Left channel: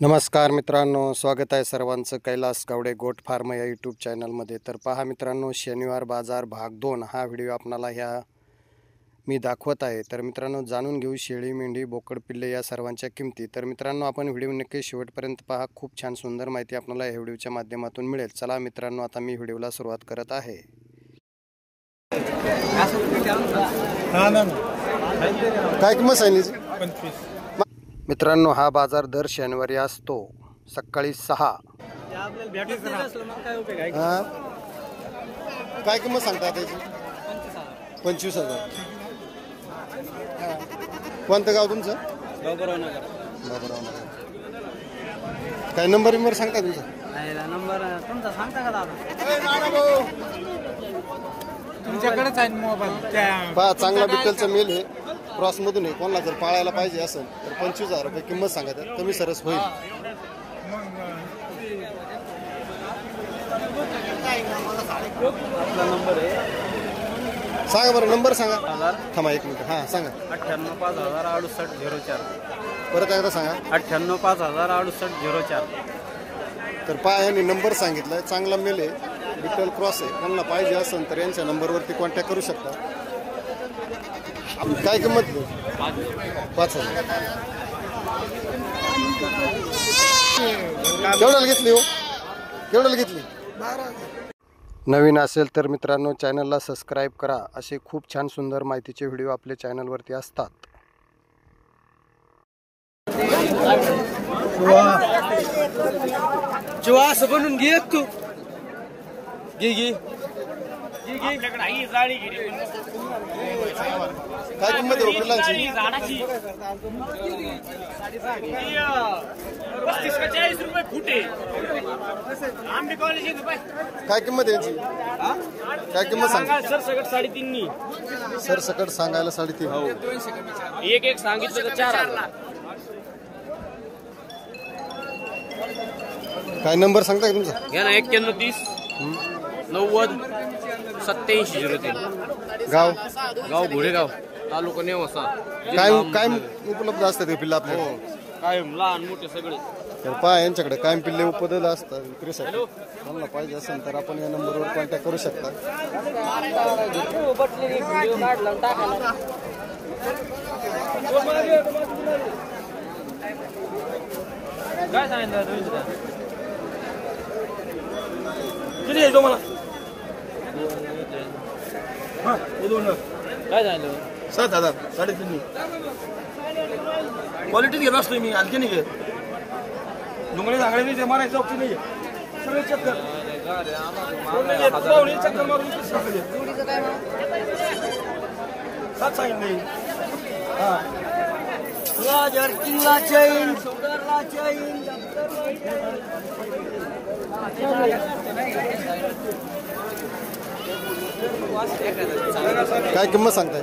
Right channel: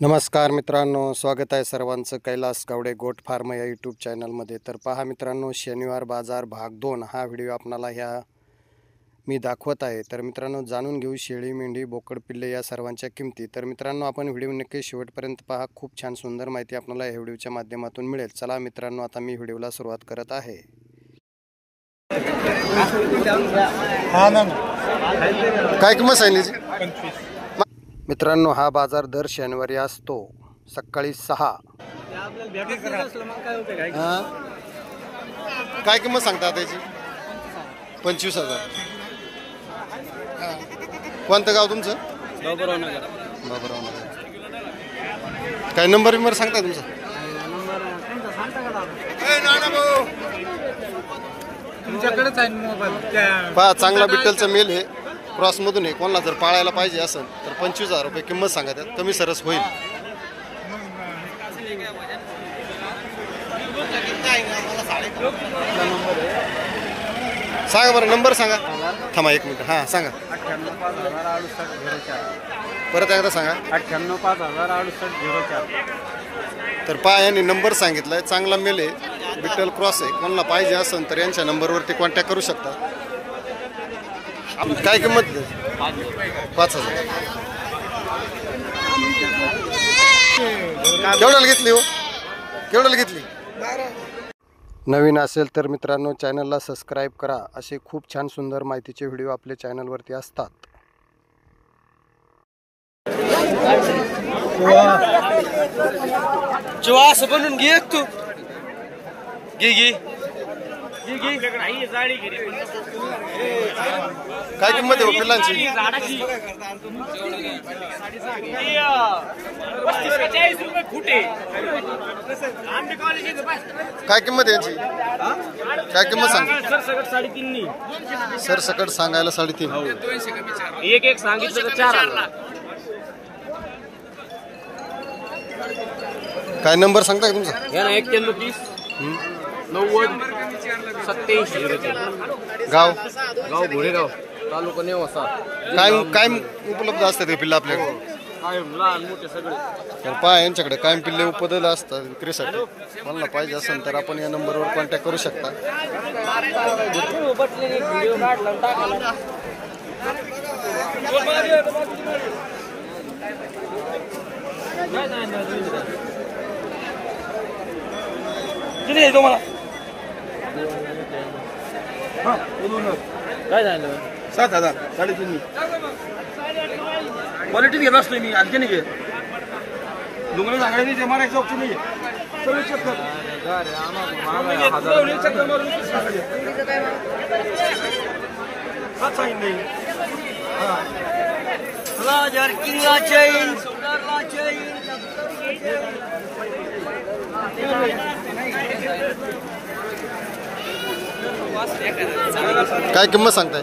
नमस्कार मित्रांनो, स्वागत आहे सर्वांचं कैलास गावडे गोट फार्म या यूट्यूब चॅनलमध्ये। तर पहा मित्रांनो, शनिवार बाजार भाग 2 हा व्हिडिओ आपणाला मी दाखवत आहे। तर मित्रांनो, जाणून घेऊ शेळी, मेंढी, बोकड, पिल्ले या सर्वांच्या किमती। तर मित्रांनो, आपण व्हिडिओ नक्की शेवटपर्यंत पहा। खूप छान सुंदर माहिती आपल्याला या व्हिडिओच्या माध्यमातून मिळेल। चला मित्रांनो, आता मी व्हिडिओला सुरुवात करत आहे। काय किंमत सांगितली? 25। मित्रांनो, हा बाजार दर शनिवारी असतो सकाळी 6। काय किंमत सांगता त्याची? 25,000। कोणतं गाव तुमचं? बाबुराव नगर। काय नंबर सांगता तुमचा? तुमच्याकडेच आहे मोबाईल। पहा, चांगला बिट्टलचा मेल हे क्रॉसमधून आहे। कोणाला जर पाळायला पाहिजे असेल तर 25,000 रुपये किंमत सांगा, त्यात कमी सरस होईल। आपला नंबर आहे, सांगा बरं, नंबर सांगा। थांबा एक मिनिट। हां सांगा। 98,568,04। परत एकदा सांगा। 98,568,04। तर पहा, यांनी नंबर सांगितलाय। चांगला मेल आहे, बिट्टल क्रॉस आहे। कोणाला पाहिजे असेल तर यांच्या नंबरवरती कॉन्टॅक्ट करू शकता। काय किंमत? 5,000। केवढ्याला घेतली हो? केवढ्याला घेतली? नवीन असेल तर मित्रांनो, चॅनलला सबस्क्राईब करा। असे खूप छान सुंदर माहितीचे व्हिडिओ आपल्या चॅनलवरती असतात। जेव्हा असं बनून घे तू, घे काय किंमत आहे पिल्लांची? 35 रुपये फुटे। काय किंमत आहे यांची? काय किंमत सांग? सरसकट 3.5। सरसकट सांगायला 3.5। एक सांगितलं तर 4,000। काय नंबर सांगता का तुमचा? या ना 91 90 87 गाव? गाव घोडेगाव, तालुका नेवासा। काय उपलब्ध असतात ते पिल्लं आपल्याकडे? कायम लहान मोठे सगळे। तर पहा, यांच्याकडे कायम पिल्ले उपलब्ध असतात विक्रीसाठी। मला पाहिजे असेल तर आपण या नंबरवर कॉन्टॅक्ट करू शकता। काय झालं? 7,000 3.5। क्वालिटी घेत असतोय मी, आणखी नाही घेत। तुम्हाला सांगायला नाही, मारायचं ऑप्शन नाही आहे। सगळे चेक कर। 7 सांगितले। राजर किंगा चैन, सुंदरला चैन। काय किंमत सांगताय?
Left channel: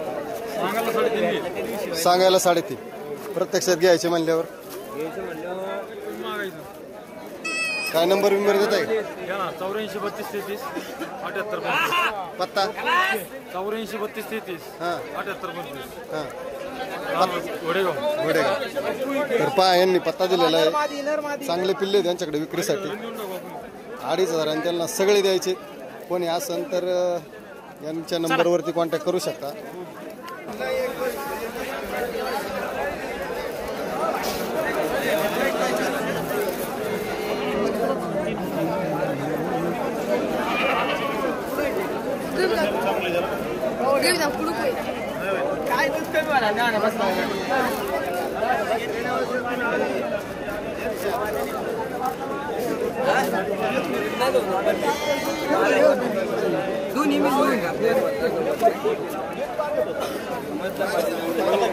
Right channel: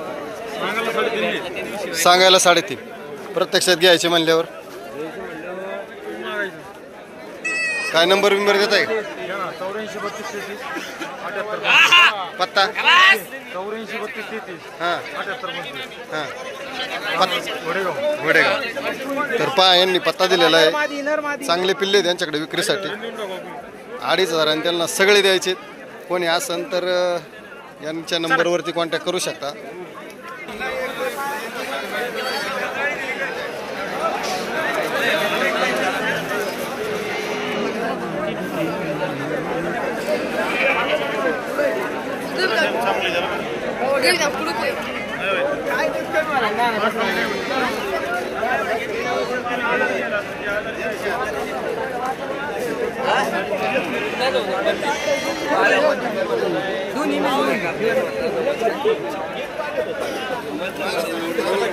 सांगायला 3.5। प्रत्यक्षात घ्यायचे म्हणल्यावर काय नंबर देत आहे? 84 32 33 पत्ता? 84 32 33 हां 78 हां घोडेगाव। तर पहा, यांनी पत्ता दिलेला आहे। चांगले पिल्ले त्यांच्याकडे विक्रीसाठी। 2,500 आणि त्यांना सगळे द्यायचे। कोणी असेल तर यांच्या नंबरवरती कॉन्टॅक्ट करू शकता।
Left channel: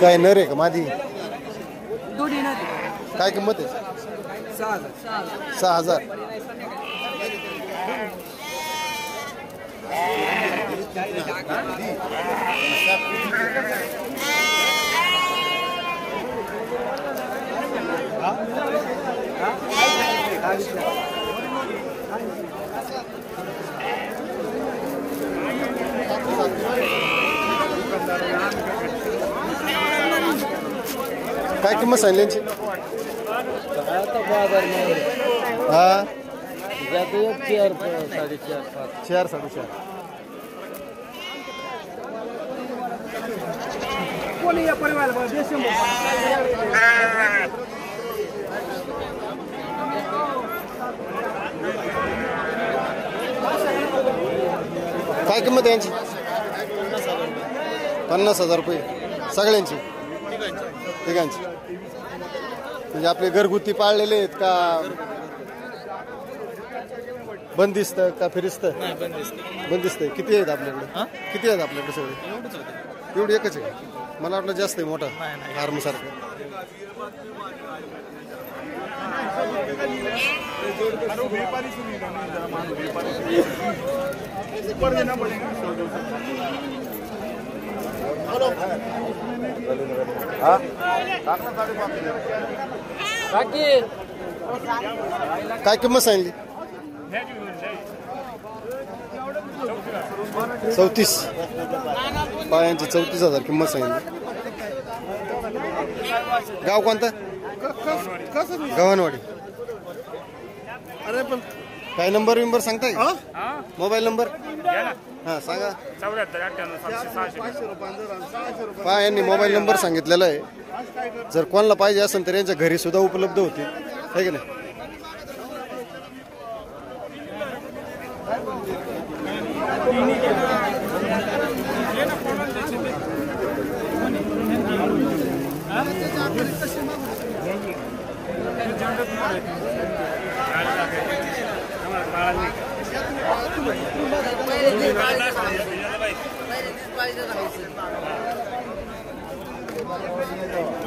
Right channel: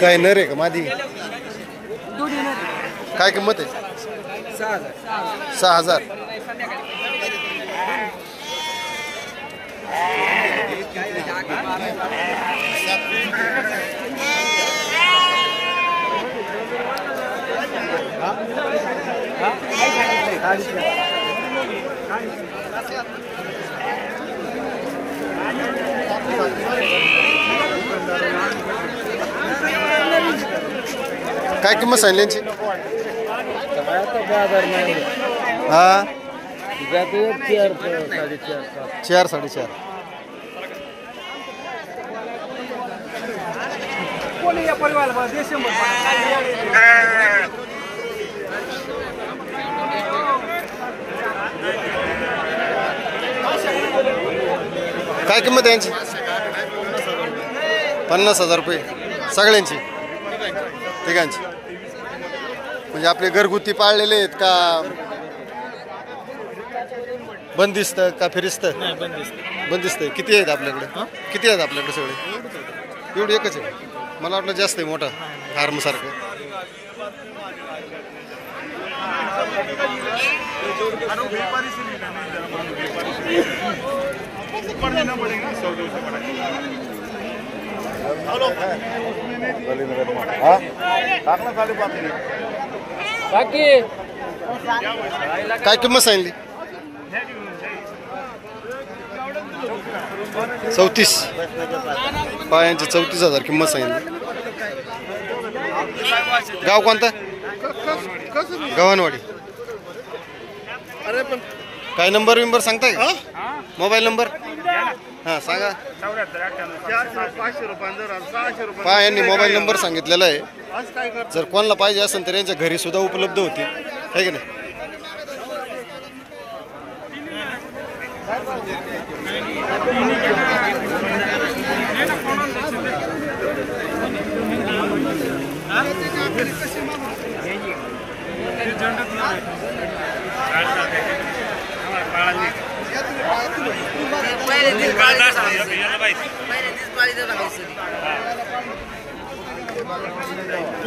काय नर आहे का मादी? काय किंमत आहे? 6,000। काय किंमत सांगली यांची? हा जाते 4 4.5 4 4.5. काय किंमत आहे यांची? 50,000 रुपये सगळ्यांची, तिघांची. म्हणजे आपले घरगुती पाळलेले आहेत का बंदिस्त का फिरिस्त? बंदिस्त आहे. किती आहेत आपल्याकडे? किती आहेत आपल्याकडे सगळे? एवढी एकच आहे. मला वाटलं जास्त आहे, मोठा फार्म सारखं. काय किंमत सांगितली? 34. पायांची 34,000 किंमत सांगितली. गाव कोणतं? गव्हाणवाडी. काय नंबर विंबर सांगताय का? मोबाईल नंबर हा सांगा. पहा यांनी मोबाईल नंबर सांगितलेला आहे. जर कोणाला पाहिजे असेल तर यांच्या घरी सुद्धा उपलब्ध होती, आहे की नाही?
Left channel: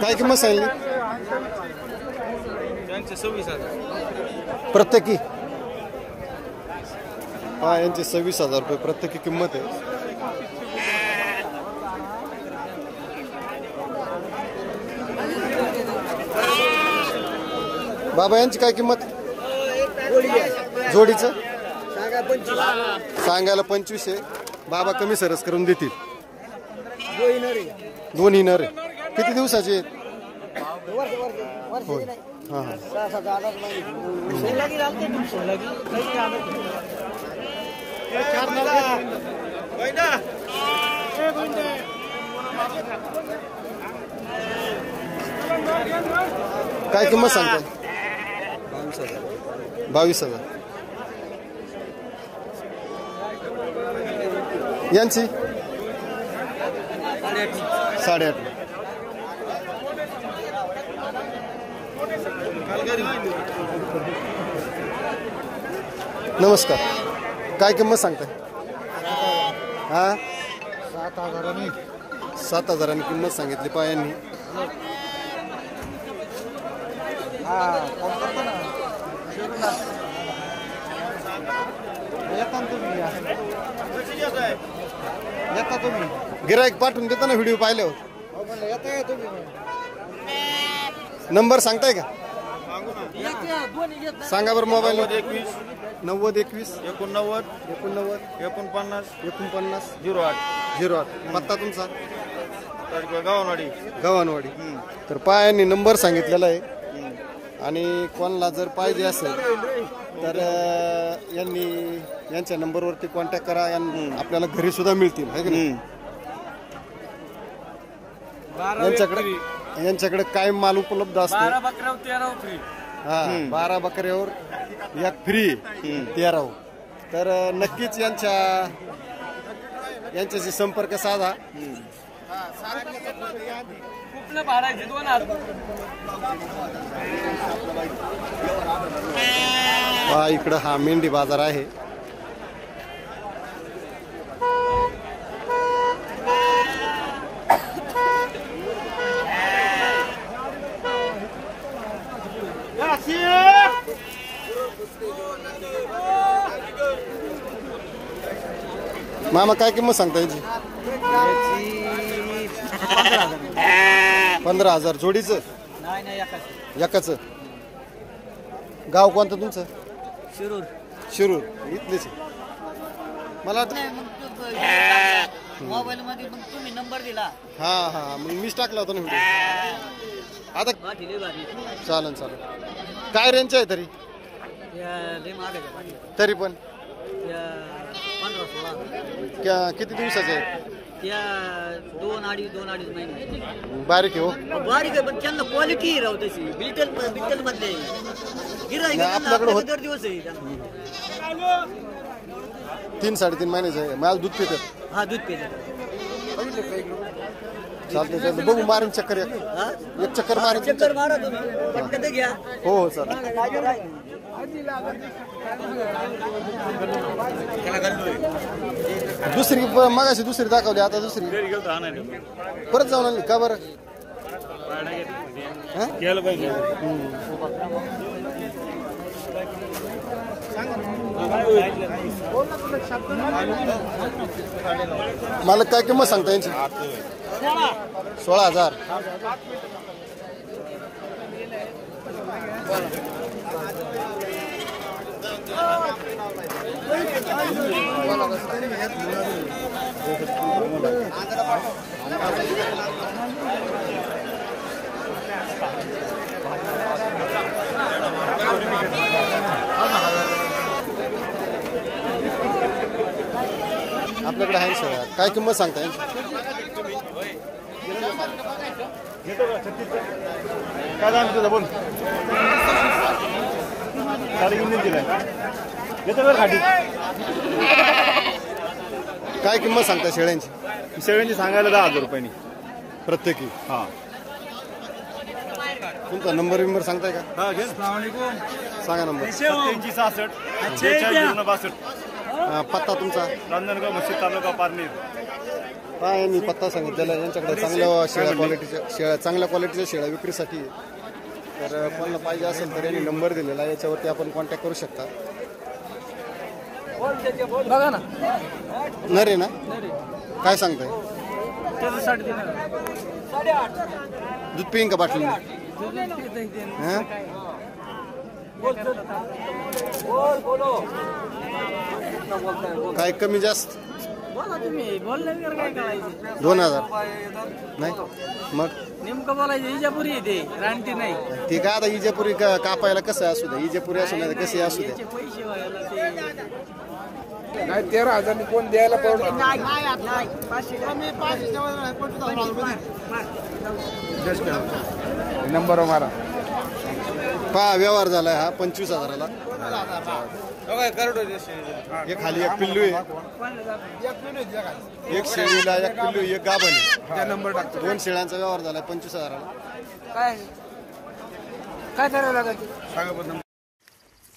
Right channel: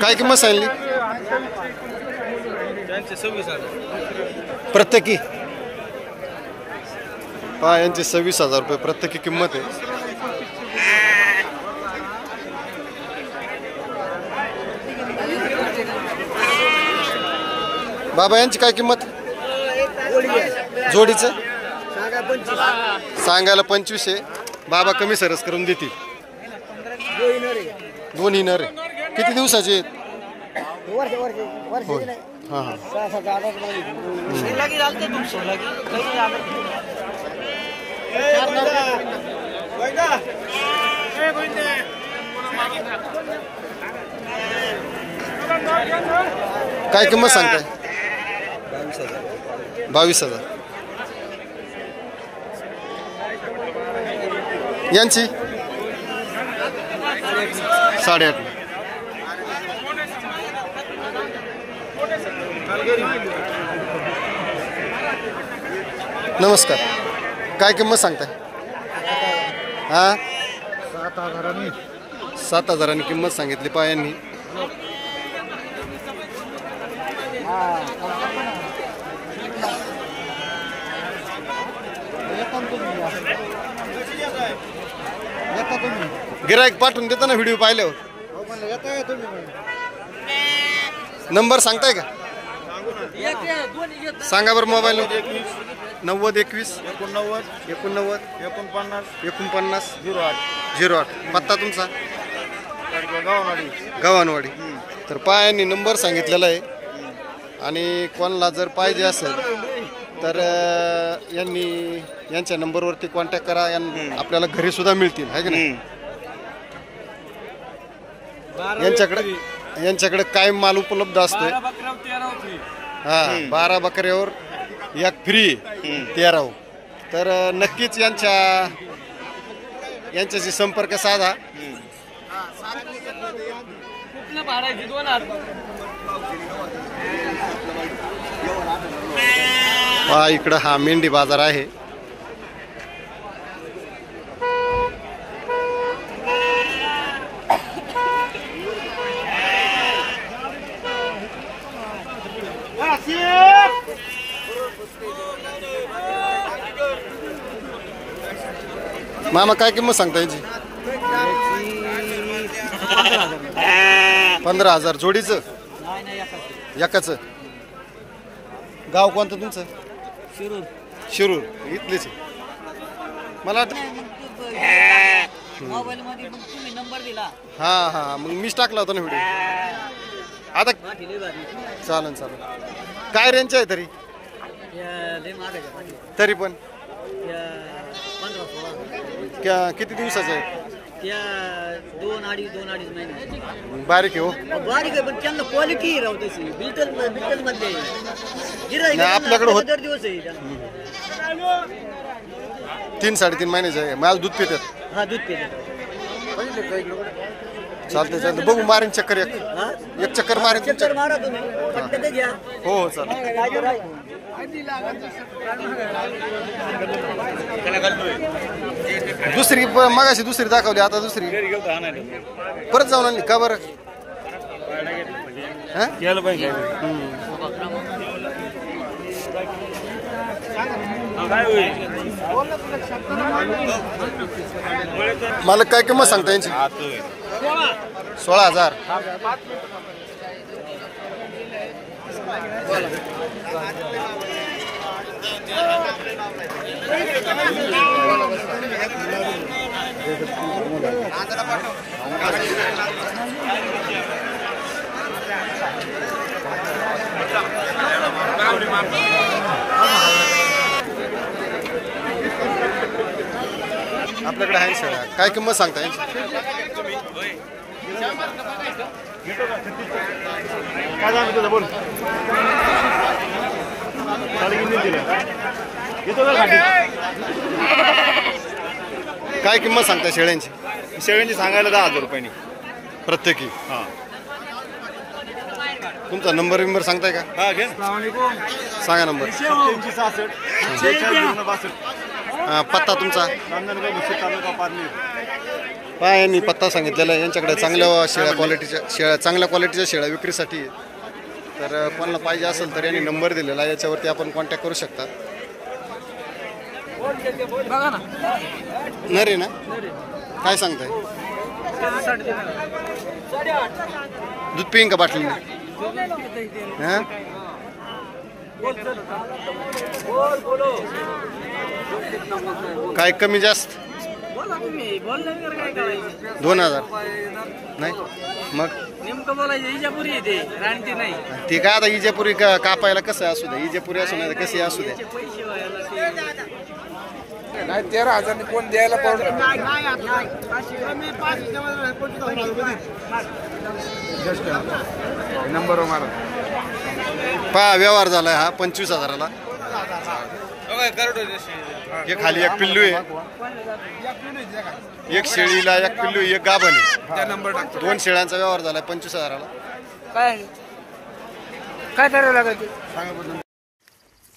काय किंमत सांगली? प्रत्येकी पहा यांची 26,000 रुपये प्रत्येकी किंमत आहे. बाबा यांची काय किंमत? जोडीचं सांगायला 25 आहे. बाबा कमी सरस करून देतील. दोन्ही नर आहे. किती दिवसाचे आहेत? होय. हां हां. काय किंमत सांगताय? 22,000. यांची 8.5. नमस्कार. काय किंमत सांगताय? हा 7,000 किंमत सांगितली पायांनी. गिराईक पाठवून देता ना व्हिडिओ पाहिल्यावर? नंबर सांगताय का? सांगा बरं. मोबाईल 90 21 89 49 08. पत्ता तुमचा? गव्हाणवाडी. तर पायांनी नंबर सांगितलेला आहे. आणि कोणाला जर पाहिजे असेल तर यांच्या नंबरवरती कॉन्टॅक्ट करा. आपल्याला घरी सुद्धा मिळतील, आहे की नाही? यांच्याकडे काय माल उपलब्ध असतो? हा 12 बकऱ्यावर 1 फ्री 13. तर नक्कीच यांच्याशी संपर्क साधा. इकडं हा मेंढी बाजार आहे. मामा काय किंमत सांगता याची? 15,000 जोडीचं? एकाच. गाव कोणतं तुमचं? शिरूर. इथलेच आहे मला मोबाईल मध्ये तुम्ही नंबर दिला. हा मग मीच टाकला होता ना व्हिडिओ. आता चालेल. काय रेंज आहे तरी तरी पण 15-16 किती दिवसाचे आहे त्या 2-2.5 महिने बारीक आहे हो बारीक आहे पण त्यांना क्वालिटी राहू तशी बिल्टल मध्ये नाही, आपल्याकडे होत- दर दिवस आहे त्यांना 3-3.5 महिन्याचे आहे मला दूध पितात हा दूध पेले चालते बघू मारीन चक्कर एक चक्कर मारीन तुमच्या मारा तुम्ही पटकन ते घ्या हो हो चालेल दुसरी मगाशी दुसरी दाखवली आता दुसरी परत जाऊन आणली का बरं हा? मला काय किंमत सांगता यांची 16,000 आपल्याकडे आहे शेळ्या काय किंमत सांगता यांची काय सांगतो तुझं बोल काय किंमत सांगता शेळ्यांची शेळ्यांची सांगायला 10,000 रुपयांनी प्रत्येकी हां तुमचा नंबर बिंबर सांगताय का हा घे सांगा नंबर 67 पत्ता तुमचा रांजणगाव मुशी तालुका पारली काय यांनी पत्ता सांगितलेला आहे यांच्याकडे चांगल्या चांगल्या क्वालिटीच्या शेळ्या विक्रीसाठी आहे. तर कोणाला पाहिजे असेल तर यांनी नंबर दिलेला आहे याच्यावरती आपण कॉन्टॅक्ट करू शकता नरे ना काय सांगताय दूध पिईन का बाटली हां काय कमी जास्त 2,000 नाही मग ती काय आता इजेपुरी कापायला कसं असू द्या इजेपुरी असू नाही कशी असू द्या 13,000 कोण द्यायला नंबर मारा पहा व्यवहार झालाय हा 25,000ला एक खाली एक पिल्लू आहे एक शेळीला एक पिल्लू एक गाभण आहे 2 शेळ्यांचा व्यवहार झालाय 25,000ला काय करावं लागेल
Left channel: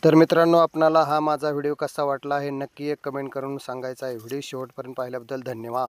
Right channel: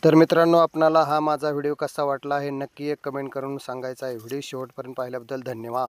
तर मित्रांनो आपणाला हा माझा व्हिडिओ कसा वाटला हे नक्की एक कमेंट करून सांगायचा आहे व्हिडिओ शेवटपर्यंत पाहिल्याबद्दल धन्यवाद